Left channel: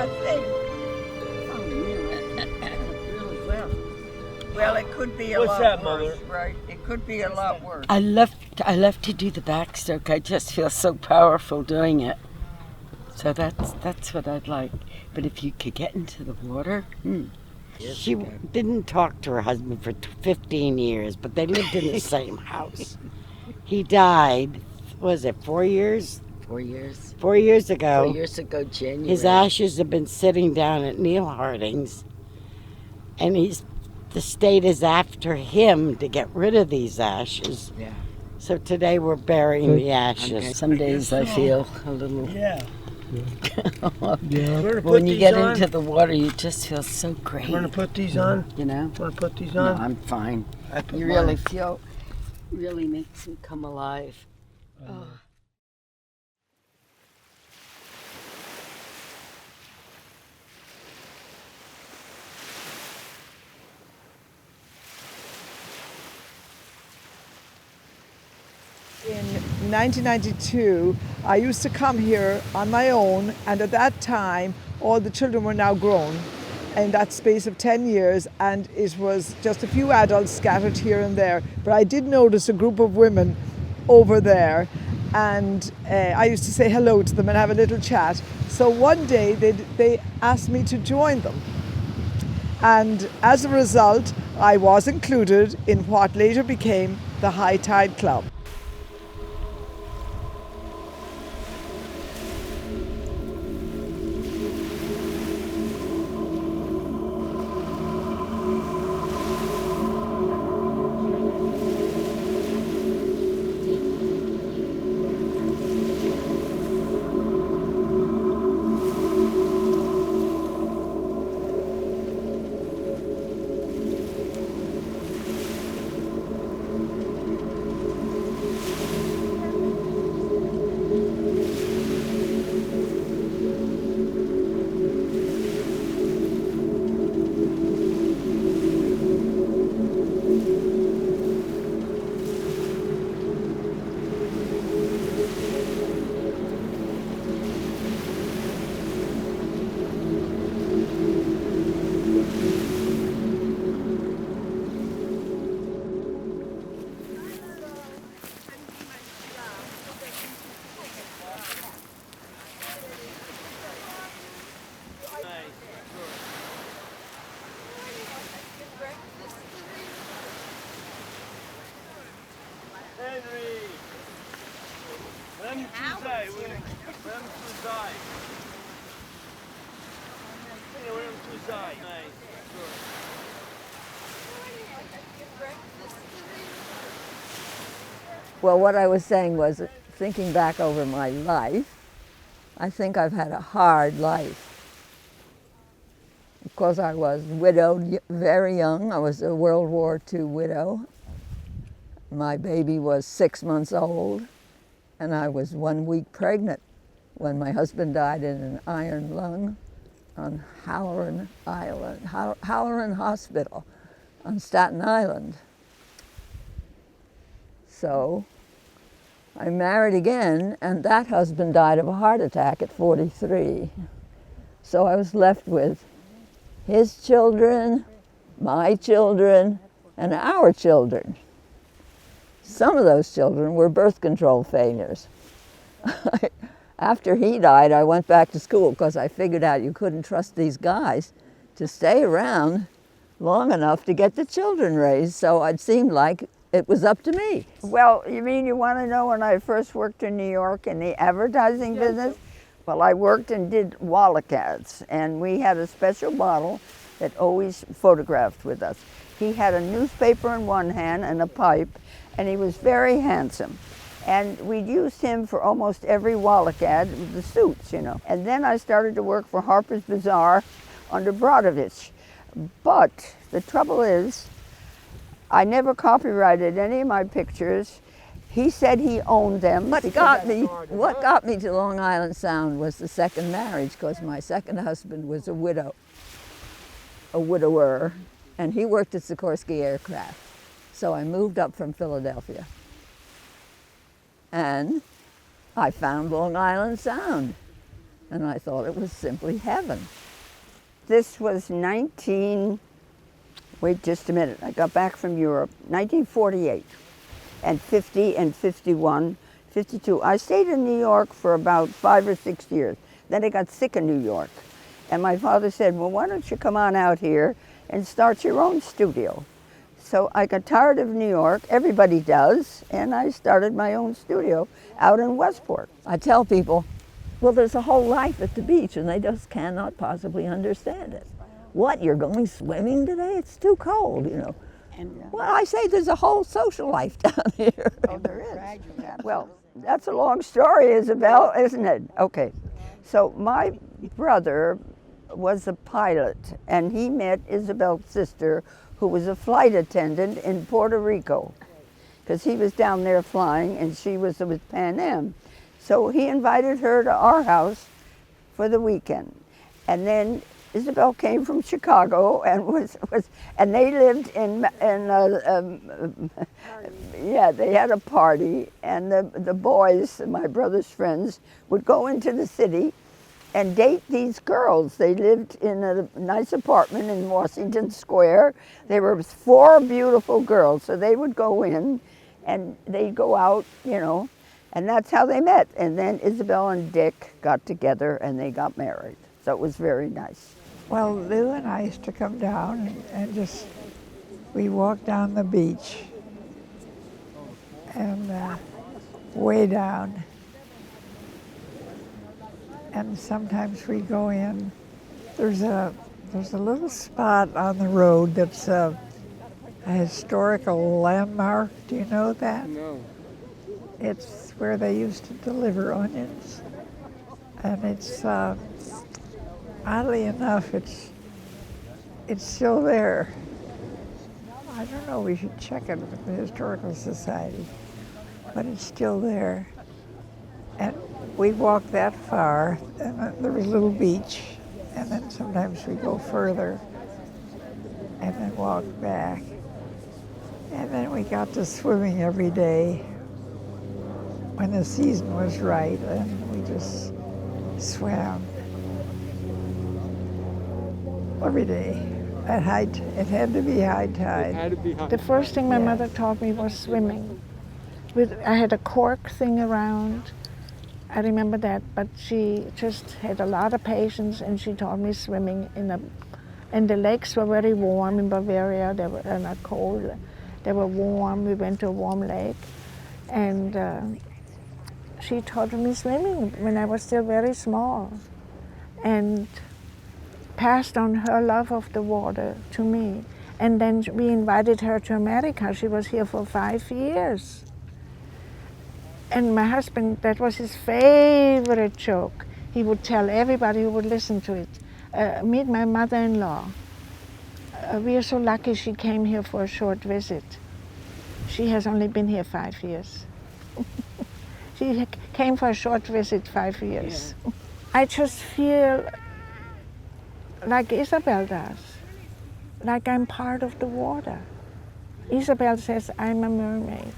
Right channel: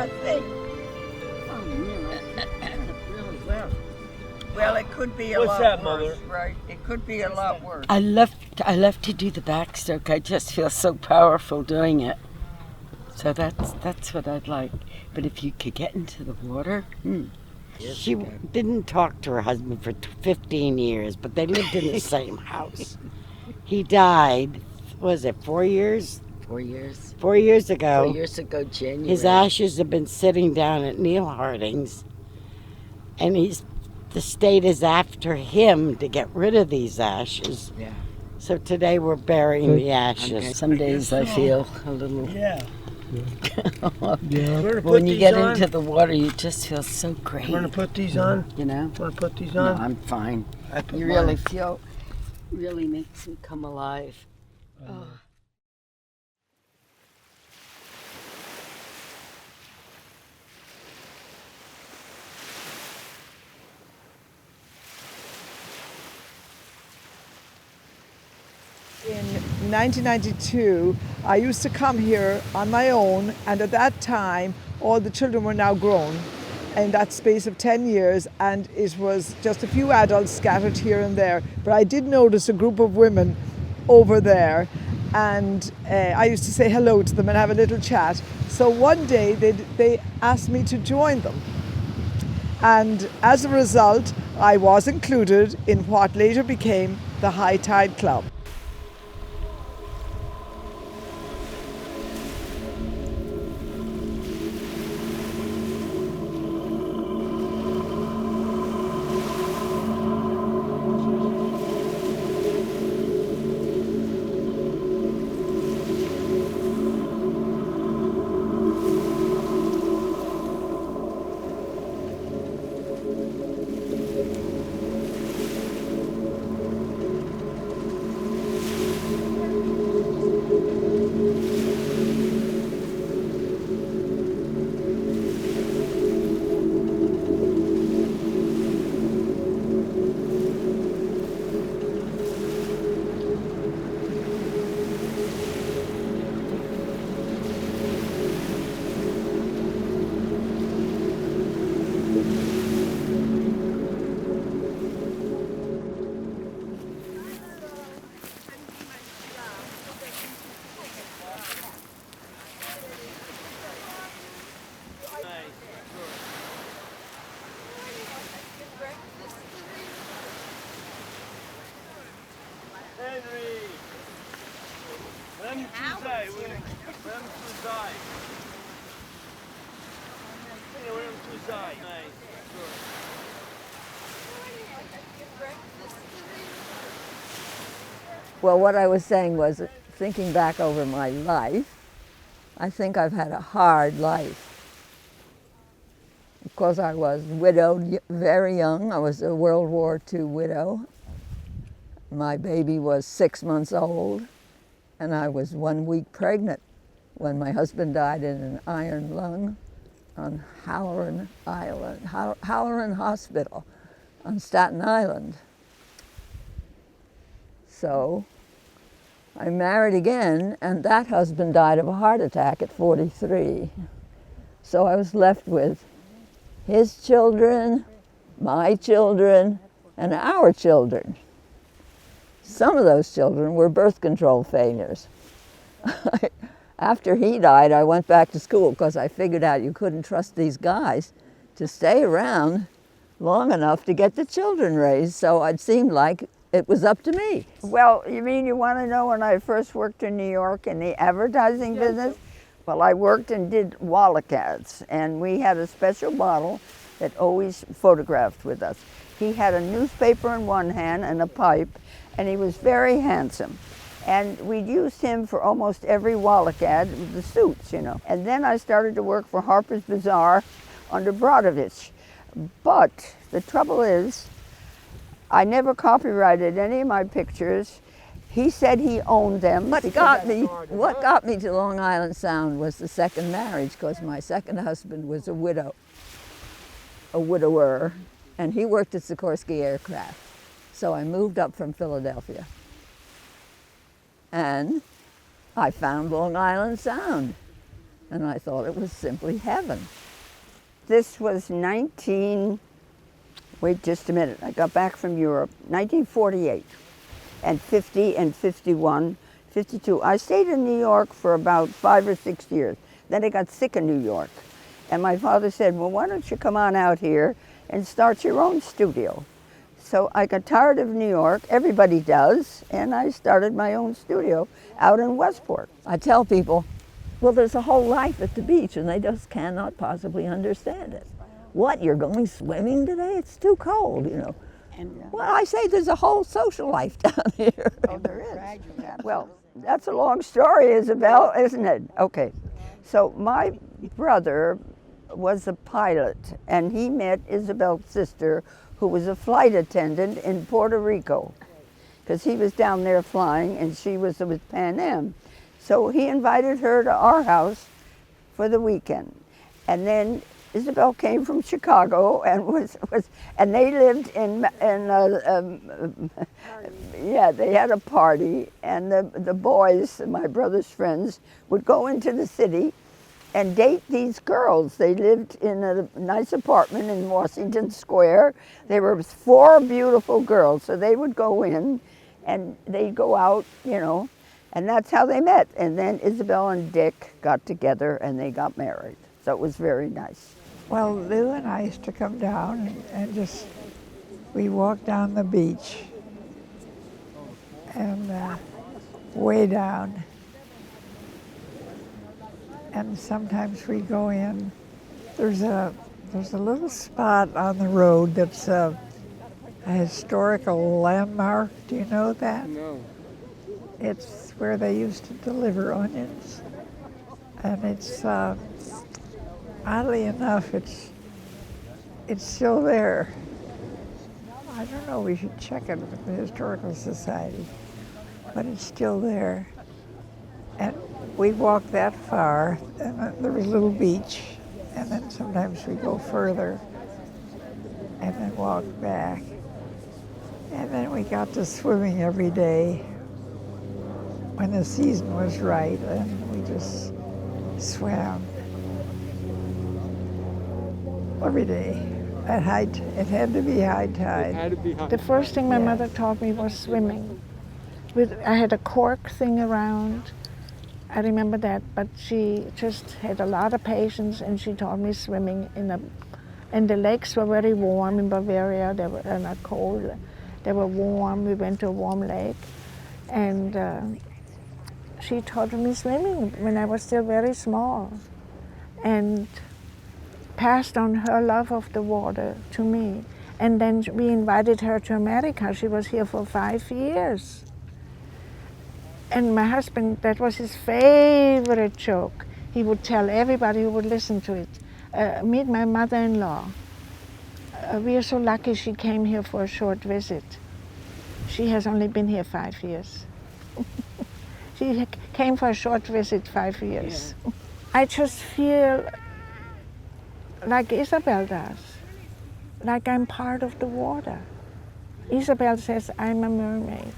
a thing. Oh, man, really well. Well, it could be a What's lot that, worse, Mother? right? It could be a lot worse. I love to do the backstroke. I just feel so powerful doing it. So that's what I'd like. But if you could get into the water, She didn't talk to her husband for 15 years, but they lived in the same house. He died, was it 4 years? 4 years. 4 years ago. 4 years ago, January. His ashes have been sitting down at Neil Harding's, and the state is after him to get rid of these ashes. Yeah. So today we're burying the ashes. Okay. Some days I feel a little. Yeah. When you get into the water, you just feel so great. Want to put these on? You know? Want to put these No, on? I'm fine. I put You mine. really feel. Really makes me come alive. Oh. In 1992, I used to come here on my own, and at that time, all the children were now grown in that space of 10 years, and it was just a few adults scattered here and there. But I did notice a group of women over there, and I used to say hello to them and have a little chat. So one day they asked me to join them. And as a result, I was included in what later became the High Tide Club. Henry! Vem tu zaj, vem tu zaj. Vem tu zaj. Well, what I was saying was, thinking back over my life, I think I've had a hard life. Of course, I was widowed very young. I was a World War II widow. My baby was 6 months old, and I was 1 week pregnant when my husband died in an iron lung on Halloran Island, Halloran Hospital on Staten Island. So I married again, and that husband died of a heart attack at 43. So I was left with his children, my children, and our children. Some of those children were birth control failures. After he died, I went back to school because I figured out you couldn't trust these guys to stay around long enough to get the children raised, so it seemed like it was up to me. Well, you mean you want to know when I first worked in New York in the advertising business? Well, I worked and did Wallach ads, and we had a special model that always photographed with us. He had a newspaper in one hand and a pipe, and he was very handsome. And we used him for almost every Wallach ad with the suits, you know. And then I started to work for Harper's Bazaar under Brodovich. But the trouble is, I never copyrighted any of my pictures. He said he owned them. What got me to Long Island Sound was the second marriage, because my second husband was a widower, and he worked at Sikorsky Aircraft. So I moved up from Philadelphia. And I found Long Island Sound. and I thought it was simply heaven. This was wait just a minute, I got back from Europe, 1948, and 50 and 51, 52. I stayed in New York for about 5 or 6 years. Then I got sick in New York. And my father said, well, why don't you come on out here and start your own studio? So I got tired of New York, everybody does, and I started my own studio out in Westport. I tell people, well, there's a whole life at the beach, and they just cannot possibly understand it. What, you're going swimming today? It's too cold, you know. Well, I say there's a whole social life down here. Oh, there is. Well, that's a long story, Isabel, isn't it? Okay. So my brother was a pilot, and he met Isabel's sister, who was a flight attendant in Puerto Rico, because he was down there flying, and she was with Pan Am. So he invited her to our house for the weekend. And then Isabel came from Chicago and and they lived yeah, they had a party, and the boys, my brother's friends, would go into the city and date these girls. They lived in a nice apartment in Washington Square. There were 4 beautiful girls, so they would go in and they'd go out, you know, and that's how they met. And then Isabel and Dick got together and they got married. So it was very nice. Well, Lou and I used to come down and we walked down the beach and way down. And sometimes we go in. There's a little spot on the road that's a historical landmark. Do you know that? No. It's where they used to deliver onions. And it's, oddly enough, it's still there. I don't know, we should check it with the Historical Society, but it's still there. And we walked that far, and there was a little beach, and then sometimes we go further, and then walk back. And then we got to swimming every day when the season was right, and we just swam every day. At high, it had to be high tide. The first thing my mother taught me was swimming. I had a cork thing around. I remember that, but she just had a lot of patience, and she taught me swimming and the lakes were very warm in Bavaria. They were not cold. They were warm. We went to a warm lake, and she taught me swimming when I was still very small, and passed on her love of the water to me. And then we invited her to America. She was here for 5 years. And my husband, that was his favorite joke. He would tell everybody who would listen to it. Meet my mother-in-law. We are so lucky she came here for a short visit. She has only been here 5 years. She came for a short visit 5 years. Yeah. I just feel like Isabel does, like I'm part of the water. Isabel says I'm a mermaid.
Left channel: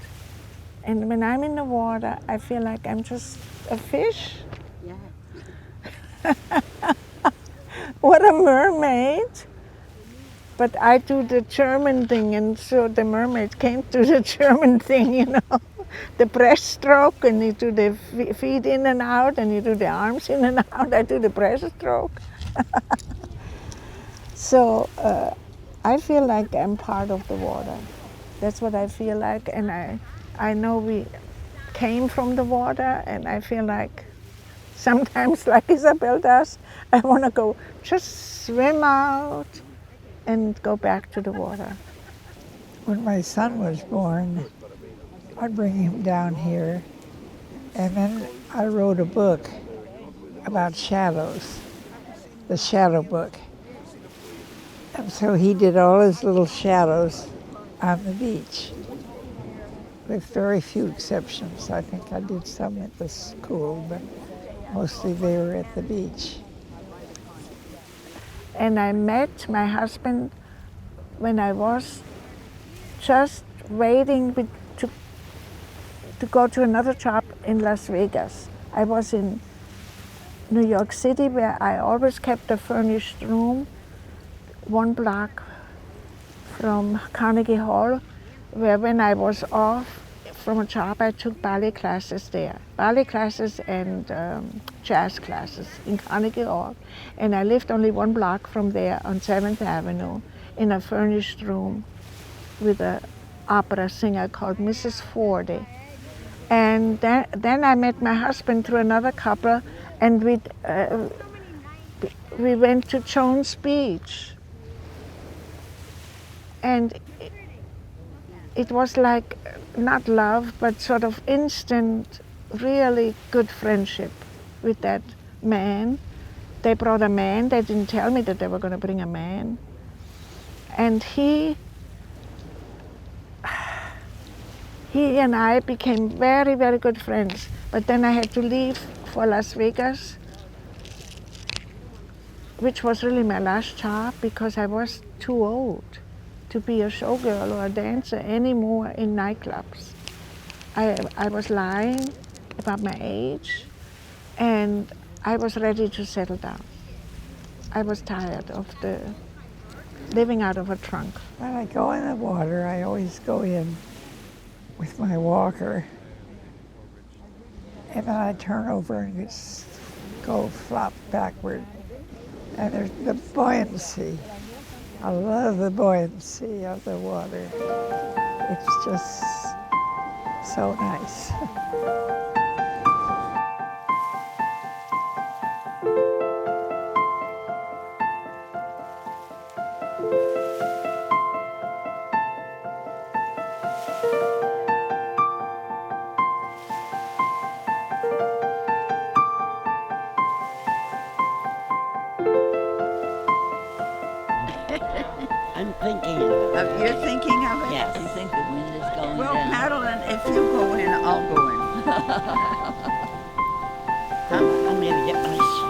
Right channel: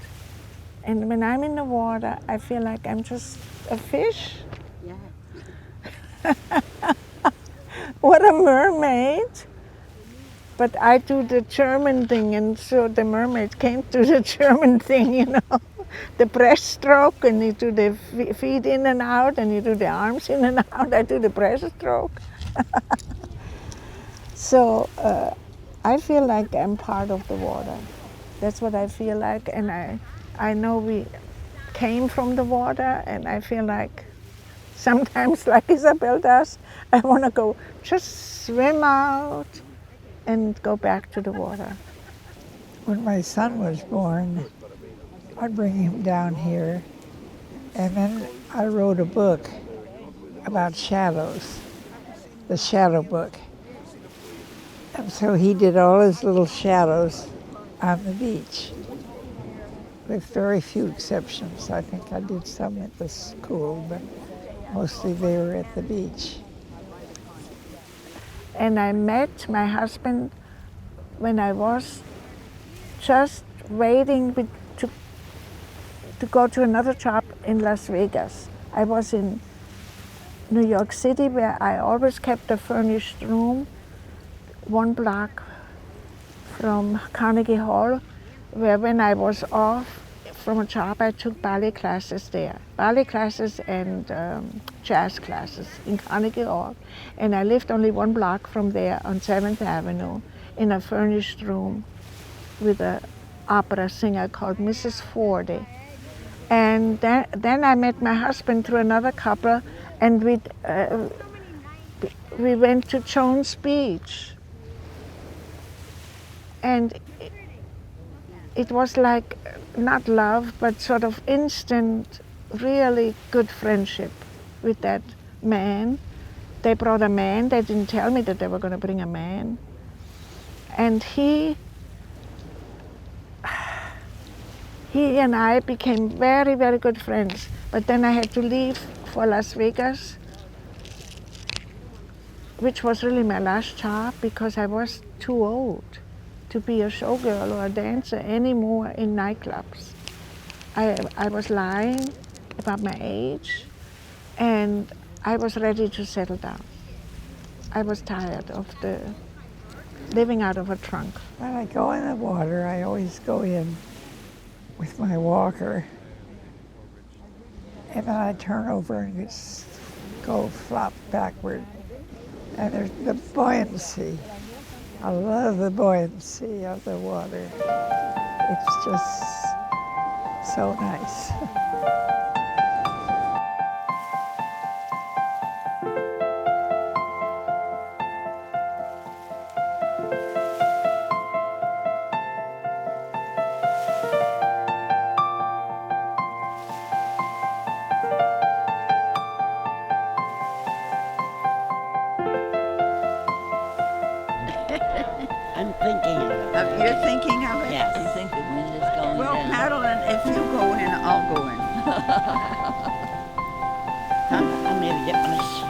And when I'm in the water, I feel like I'm just a fish. Yeah. What a mermaid. But I do the German thing, and so the mermaid came to the German thing, you know. The breaststroke, and you do the feet in and out, and you do the arms in and out. I do the breaststroke. So I feel like I'm part of the water. That's what I feel like, and I know we came from the water, and I feel like sometimes, like Isabel does, I want to go just swim out and go back to the water. When my son was born, I'd bring him down here, and then I wrote a book about shadows, the shadow book. And so he did all his little shadows on the beach, with very few exceptions. I think I did some at the school, but mostly they were at the beach. And I met my husband when I was just waiting to go to another job in Las Vegas. I was in New York City, where I always kept a furnished room, 1 block from Carnegie Hall, where when I was off from a job, I took ballet classes there. Ballet classes and jazz classes in Carnegie Hall. And I lived only 1 block from there on 7th Avenue in a furnished room with an opera singer called Mrs. Fordy. And then I met my husband through another couple, and we went to Jones Beach. And it was like, not love, but sort of instant, really good friendship with that man. They brought a man. They didn't tell me that they were going to bring a man. And he and I became very, very good friends. But then I had to leave for Las Vegas, which was really my last job because I was too old to be a showgirl or a dancer anymore in nightclubs. I was lying about my age, and I was ready to settle down. I was tired of the living out of a trunk. When I go in the water, I always go in with my walker, and then I turn over and just go flop backward. And there's the buoyancy. I love the buoyancy of the water. It's just so nice. I'm thinking of it. You're thinking of it? Yes. You think the wind is going Well, down? Madeline, if you go in, I'll go in. I'm gonna get my shoes.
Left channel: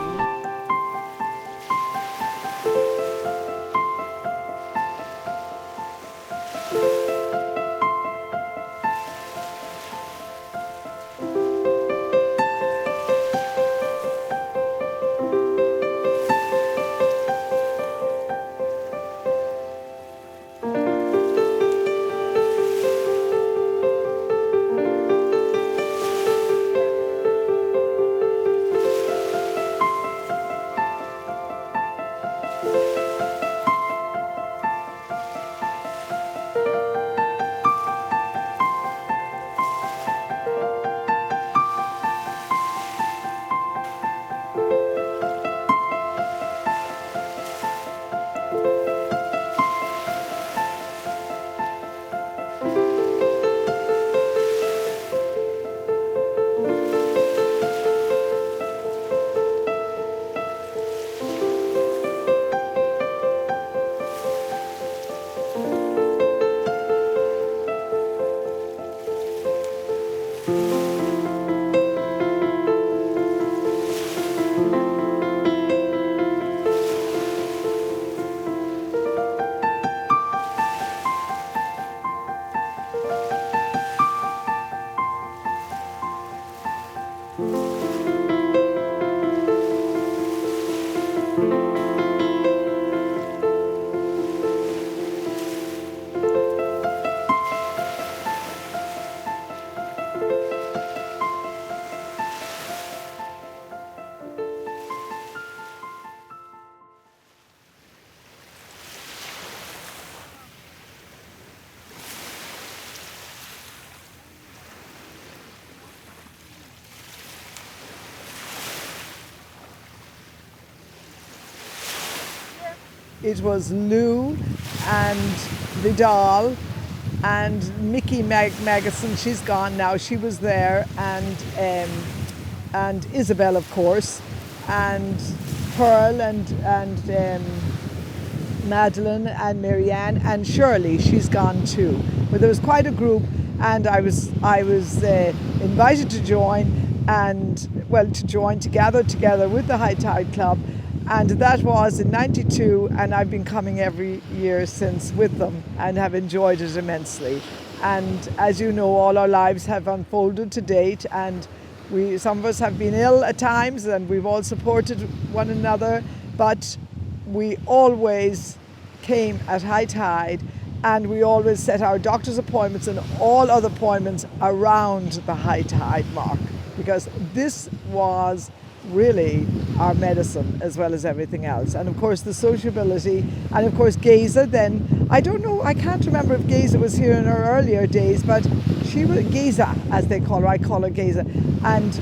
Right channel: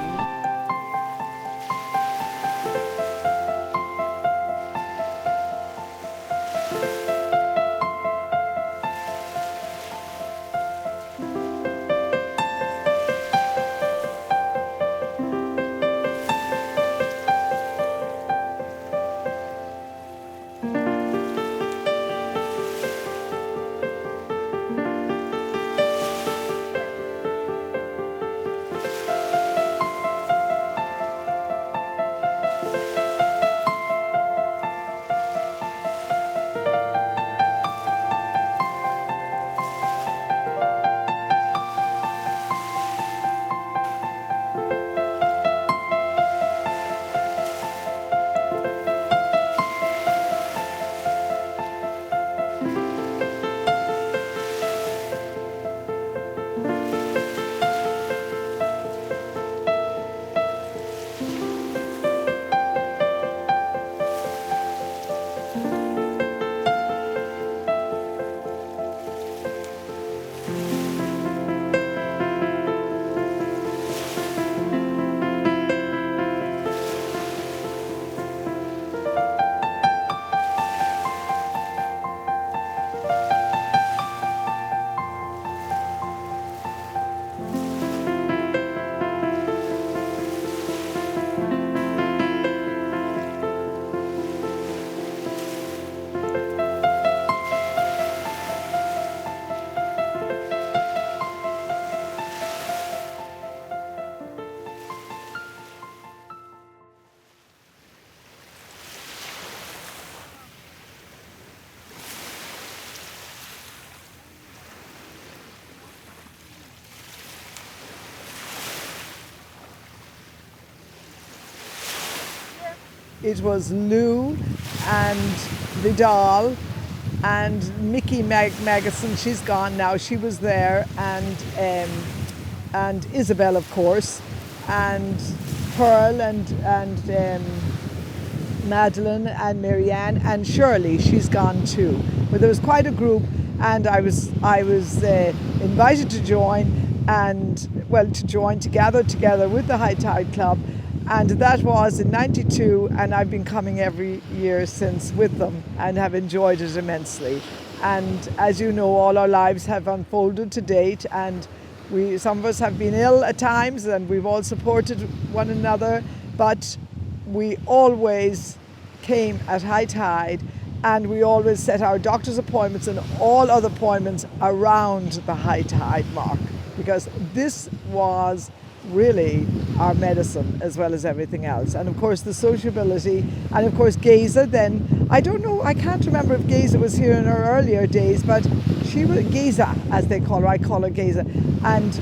It was Lou and Vidal and Mickey Magason. She's gone now. She was there, and Isabel, of course, and Pearl and Madeline and Marianne and Shirley. She's gone too. But there was quite a group, and I was invited to join, to gather together with the High Tide Club. And that was in '92, and I've been coming every year since with them and have enjoyed it immensely. And as you know, all our lives have unfolded to date, and Some of us have been ill at times, and we've all supported one another, but we always came at high tide, and we always set our doctor's appointments and all other appointments around the high tide mark, because this was really our medicine as well as everything else. And of course the sociability, and of course Geza then, I don't know, I can't remember if Geza was here in her earlier days, but she was Geza, as they call her, I call her Geza, and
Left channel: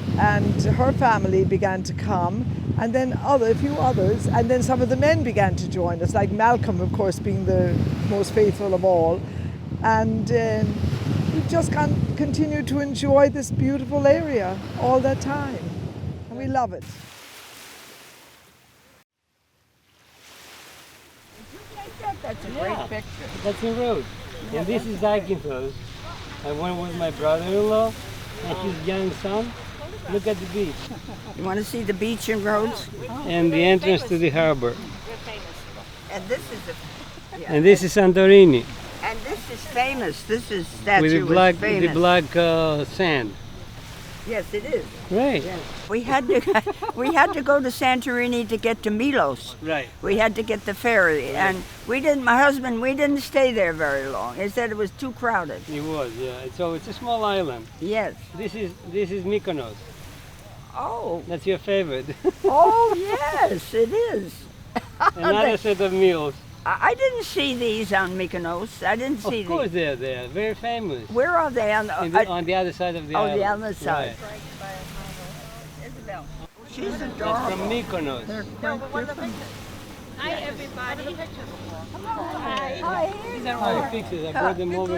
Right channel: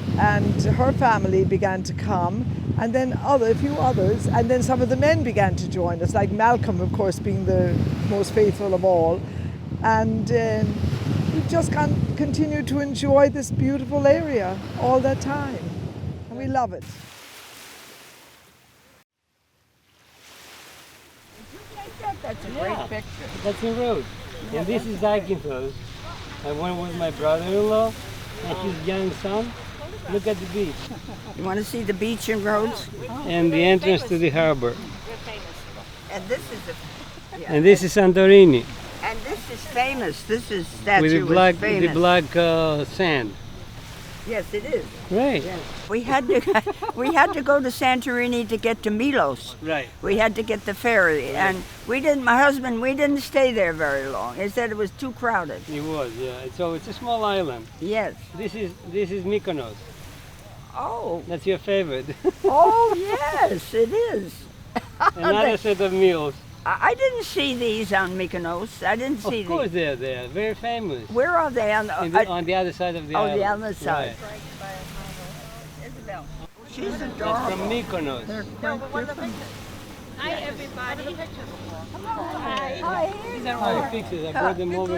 her family began to come, and then a few others, and then some of the men began to join us, like Malcolm, of course, being the most faithful of all. And we just continued to enjoy this beautiful area all that time. And we love it. That's a great picture. That's a road. And this is Eikenfeld. I went with my brother-in-law and his young son. Look at the beach. You want to see the beach and roads? And the entrance to the harbor. And this is And this is Santorini and this is famous. This is statue with is famous. the black sand. Yes, it is. Right. Yes. We had to go to Santorini to get to Milos. Right. We had to get the ferry, and my husband, we didn't stay there very long. He said it was too crowded. It was, yeah. So it's a small island. Yes. This is Mykonos. Oh. That's your favorite. Oh, yes, it is. Another set of meals. I didn't see these on Mykonos. I didn't see Of course these. they're there. Very famous. Where are they? On On the other side of the island. Oh, the other side. Right. Isabel. She's That's adorable. from Mykonos. Hi, everybody. These are my pictures. I brought them over.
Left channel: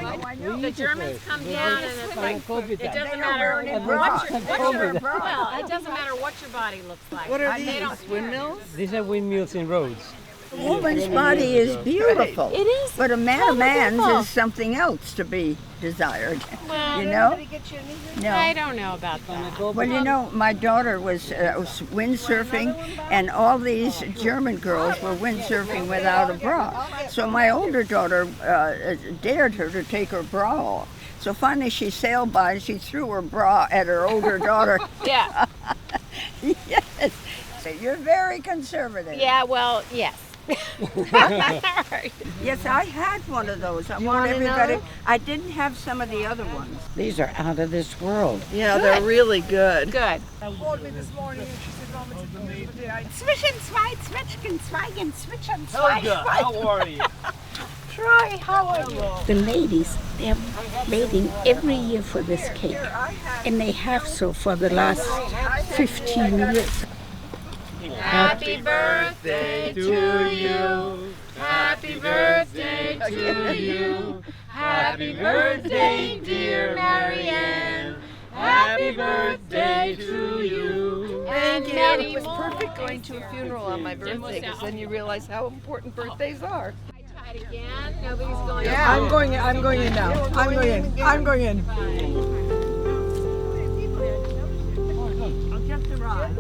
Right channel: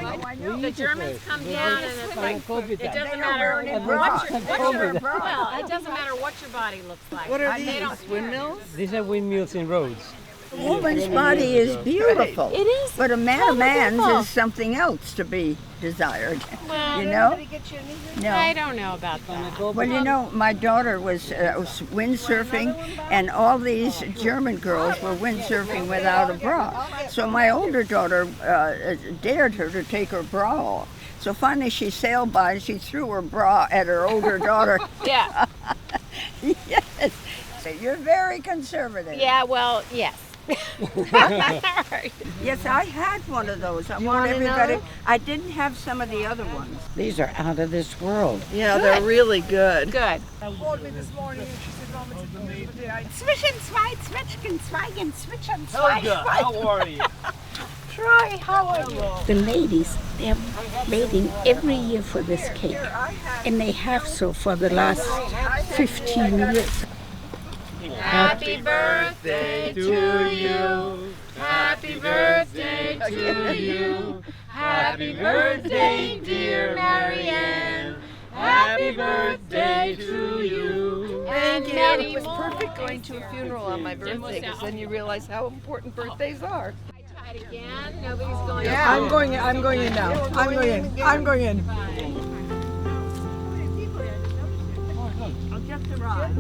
The Germans come down and it's like, it doesn't matter what your, well, it doesn't matter what your body looks like. What are They don't these? windmills? These are windmills in roads. A woman's body is beautiful. It is. But a man's is something else to be desired. Well, You know? No. I don't know about that. Well, you know, my daughter was windsurfing, and all these German girls were windsurfing without a bra. So my older daughter dared her to take her bra off. So finally she sailed by and she threw her bra at her older daughter. Yeah. Yes. So you're very conservative. Yeah, well, yes. Right. Yes, I had one of those. I You want want everybody. another? I didn't have some of the other ones. These are out of this world. Yeah, they're really good. Good. Called me this morning and she said, Mama, it's a beautiful day. Zwischen zwei Zwetschgen, Zweigen, zwitschern Helga, how are you? Try, how are you? The ladies, they're waiting every year for this cake. And they have so for the last 15 years. Happy birthday to you. Happy birthday to you. Happy birthday, dear Marianne. Happy birthday to you. Thank you. It was perfect going to a funeral on my birthday because then you realize how important birthdays are. Try it again. Nobody's going. I'm going in now. I'm going in. I'll get the rod.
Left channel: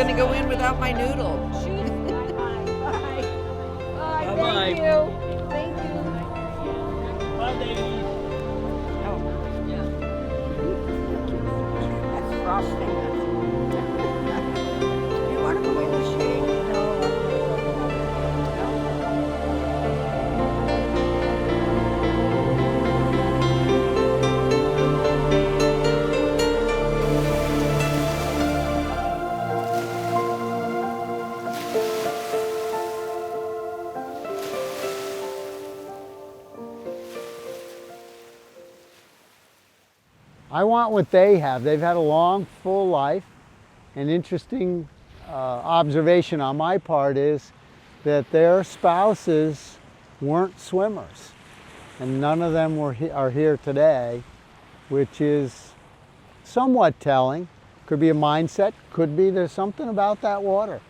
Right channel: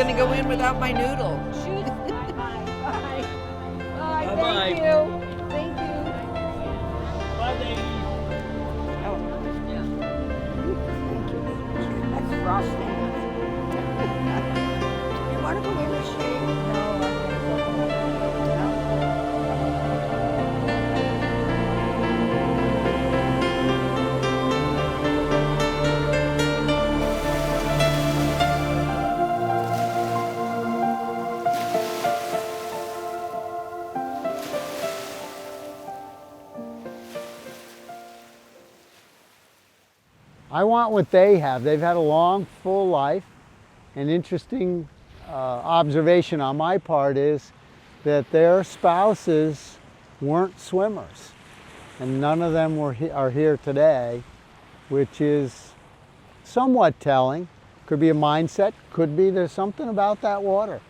gonna go in without my noodle. Bye. Bye-bye. Thank you. Thank you. Bye, ladies. Oh, Thank you. That's frosting. You want to go in the shade? No, I'm going to go in. No? I want what they have. They've had a long, full life. An interesting observation on my part is that their spouses weren't swimmers, and none of them are here today, which is somewhat telling. Could be a mindset, could be there's something about that water.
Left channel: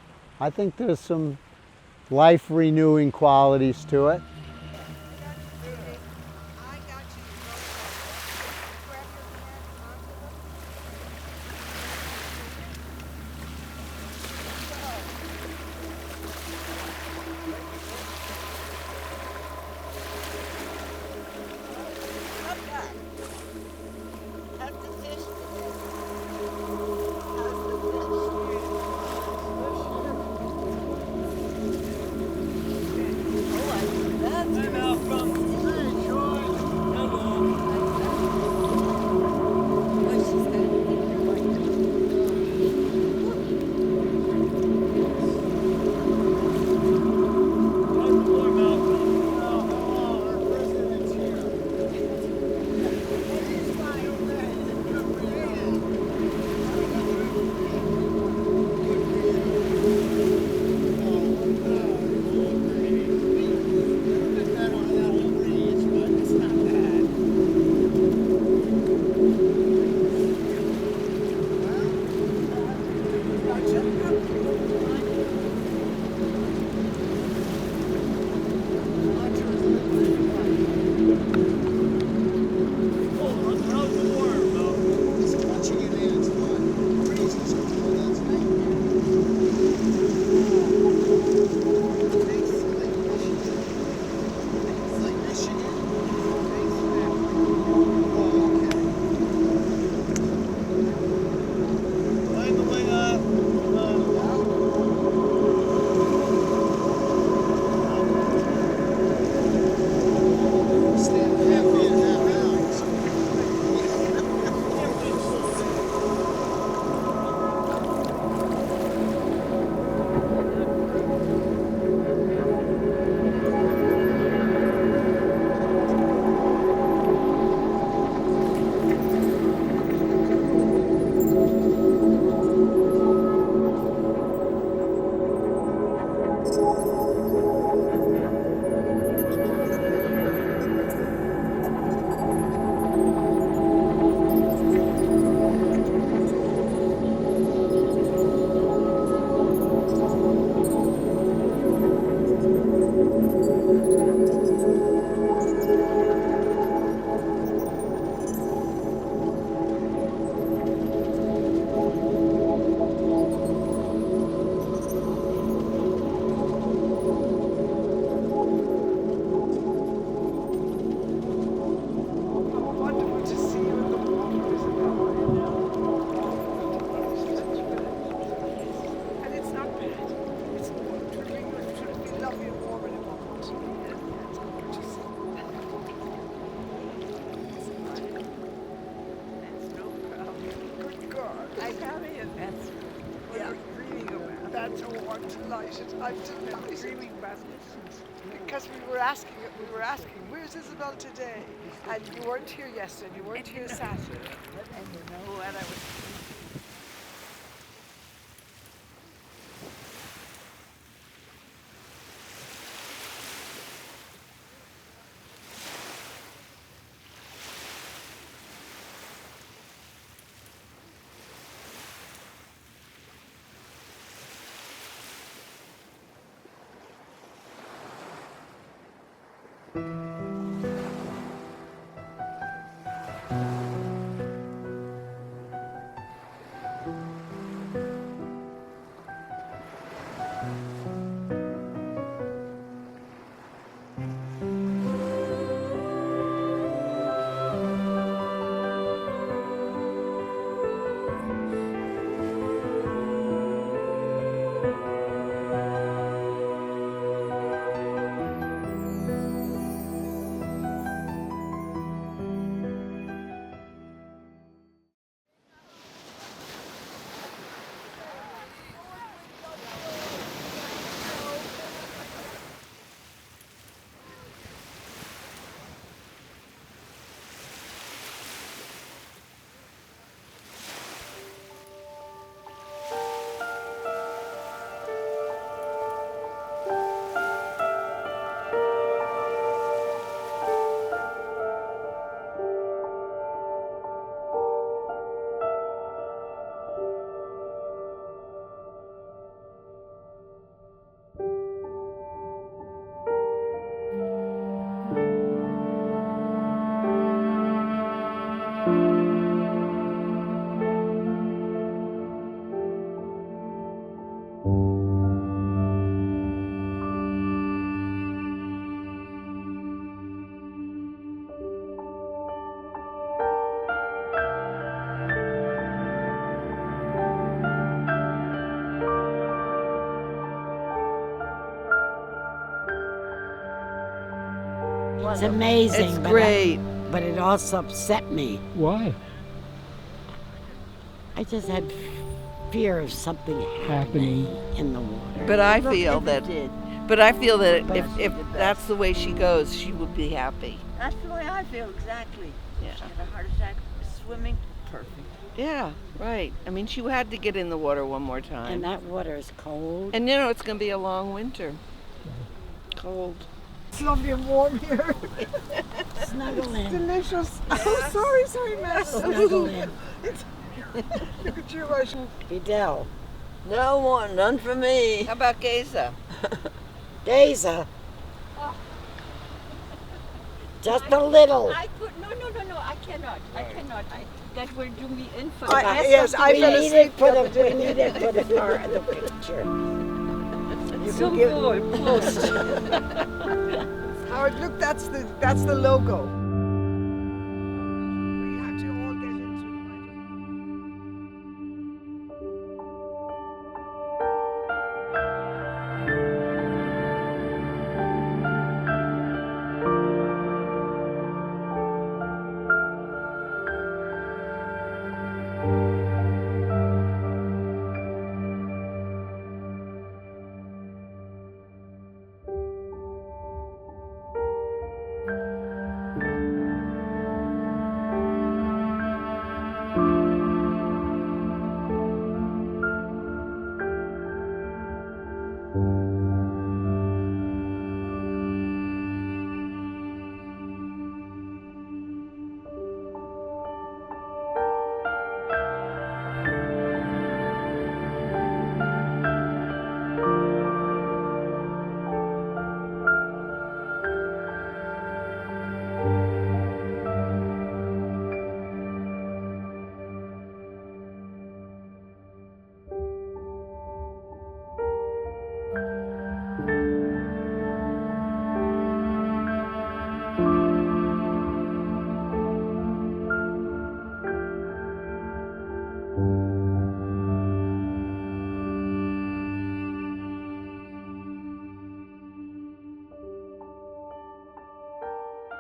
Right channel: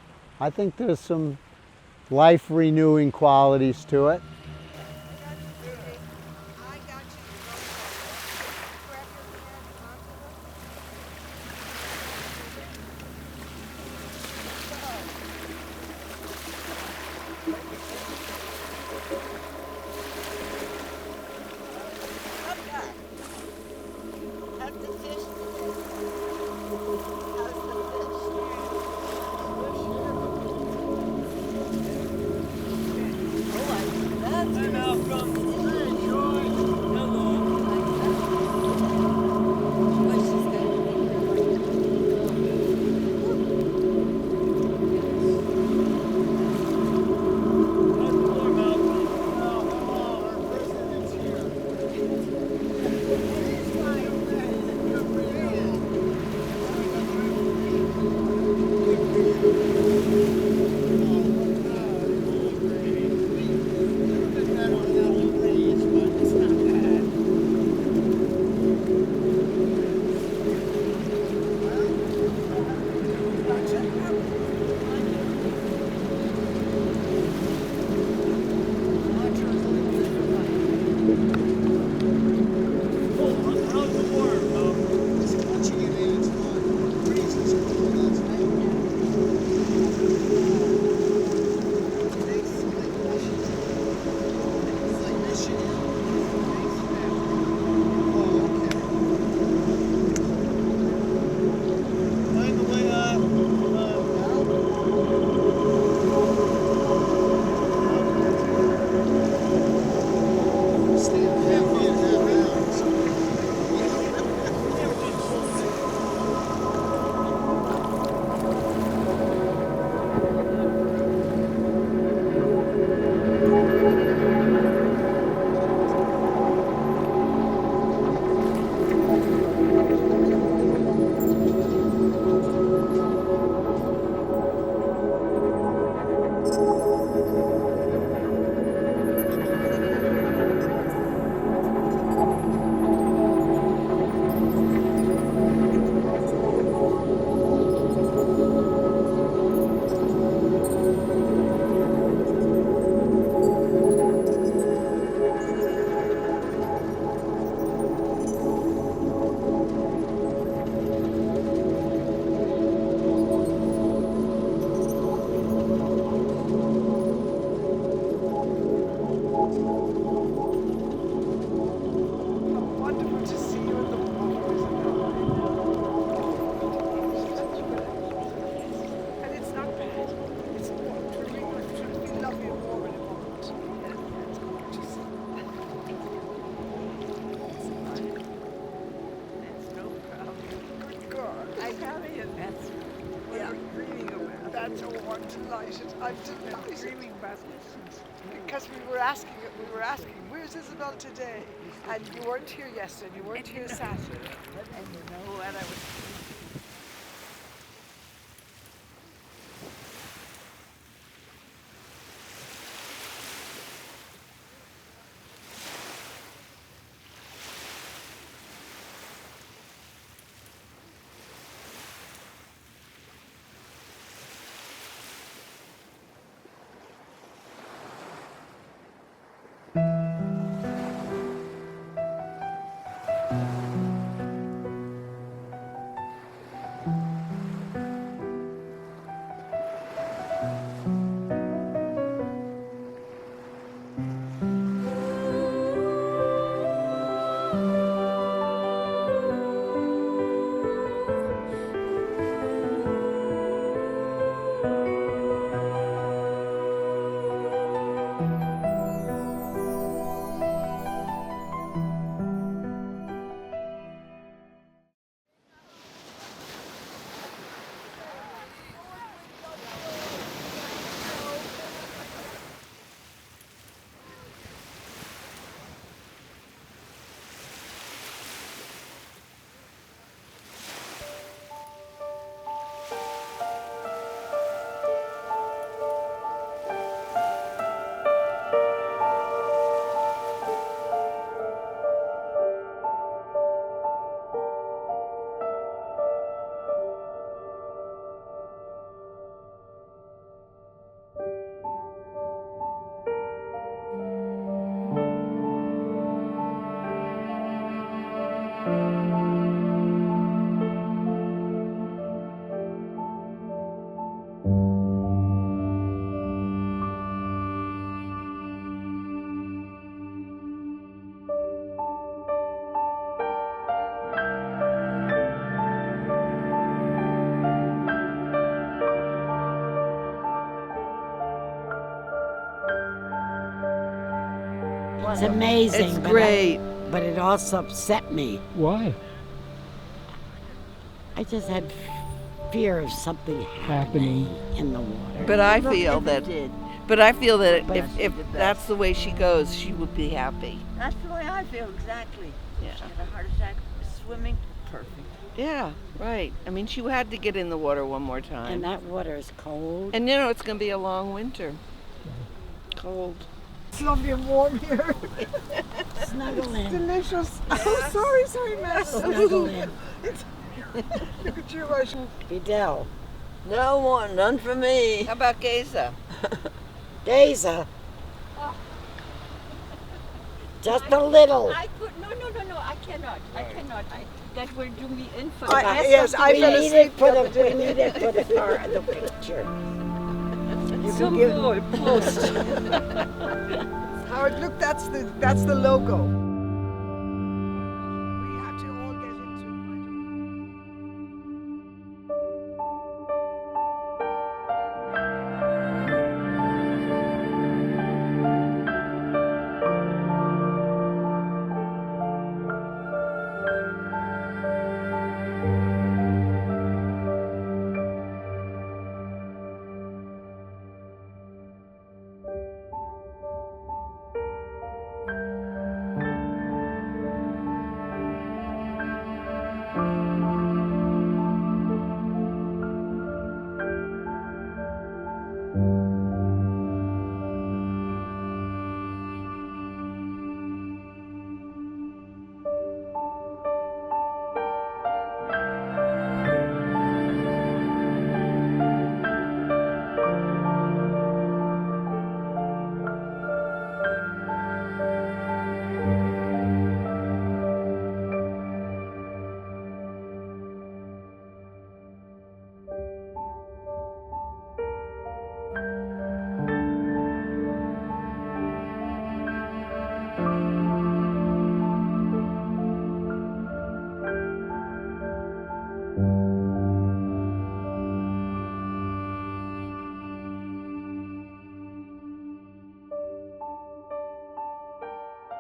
I think there's some life-renewing qualities to it. Hi, Malcolm. Hey, George. Hello. How's the war, Malcolm? Oh, our president's here. How's the war, Malcolm? It's watching it in, it's fun. Breeze is cool, that's right. Thanks, Lake Michigan. It's like Michigan. Oh, okay. By the way, Stand half in, half out. How wonderful to see you in the water, isn't it? And it's not bad. It's really lovely and warm in a moment. It's gorgeous. There's no problem. Good girl. I have it. That's what we're dreaming about. That's all. I'm delighted. I'm delighted. Dreaming about this. Because we were asking, where's Isabel today? And you weren't here yesterday, you weren't here Saturday. And you know what I was It's amazing. It's but great. But it also upset me. Why? I just had fear of something happening in the water. But I feel that. But I feel that But if she did that's best. the way she goes, she would be happy. That's the way I feel exactly. Yeah. She had a heart attack swimming. Perfect. Yeah, right. I mean, she had to get in the water one more time. And that water is cold. And you know, it's going to be a long winter. Cold. It's lovely and warm here. Snuggle in. Delicious. Oh, sorry, Matt. Snuggle in. Look at you, Rush. Fidel. No one, none for me. How about Geza? Geza. Just a little. I could no. I cannot. That will do me in for Yes, I We fell need asleep it for the other the, we day. need it for the picture. You Some can give, goal post. Howard, look, that's the logo. We have to all get into the microphone.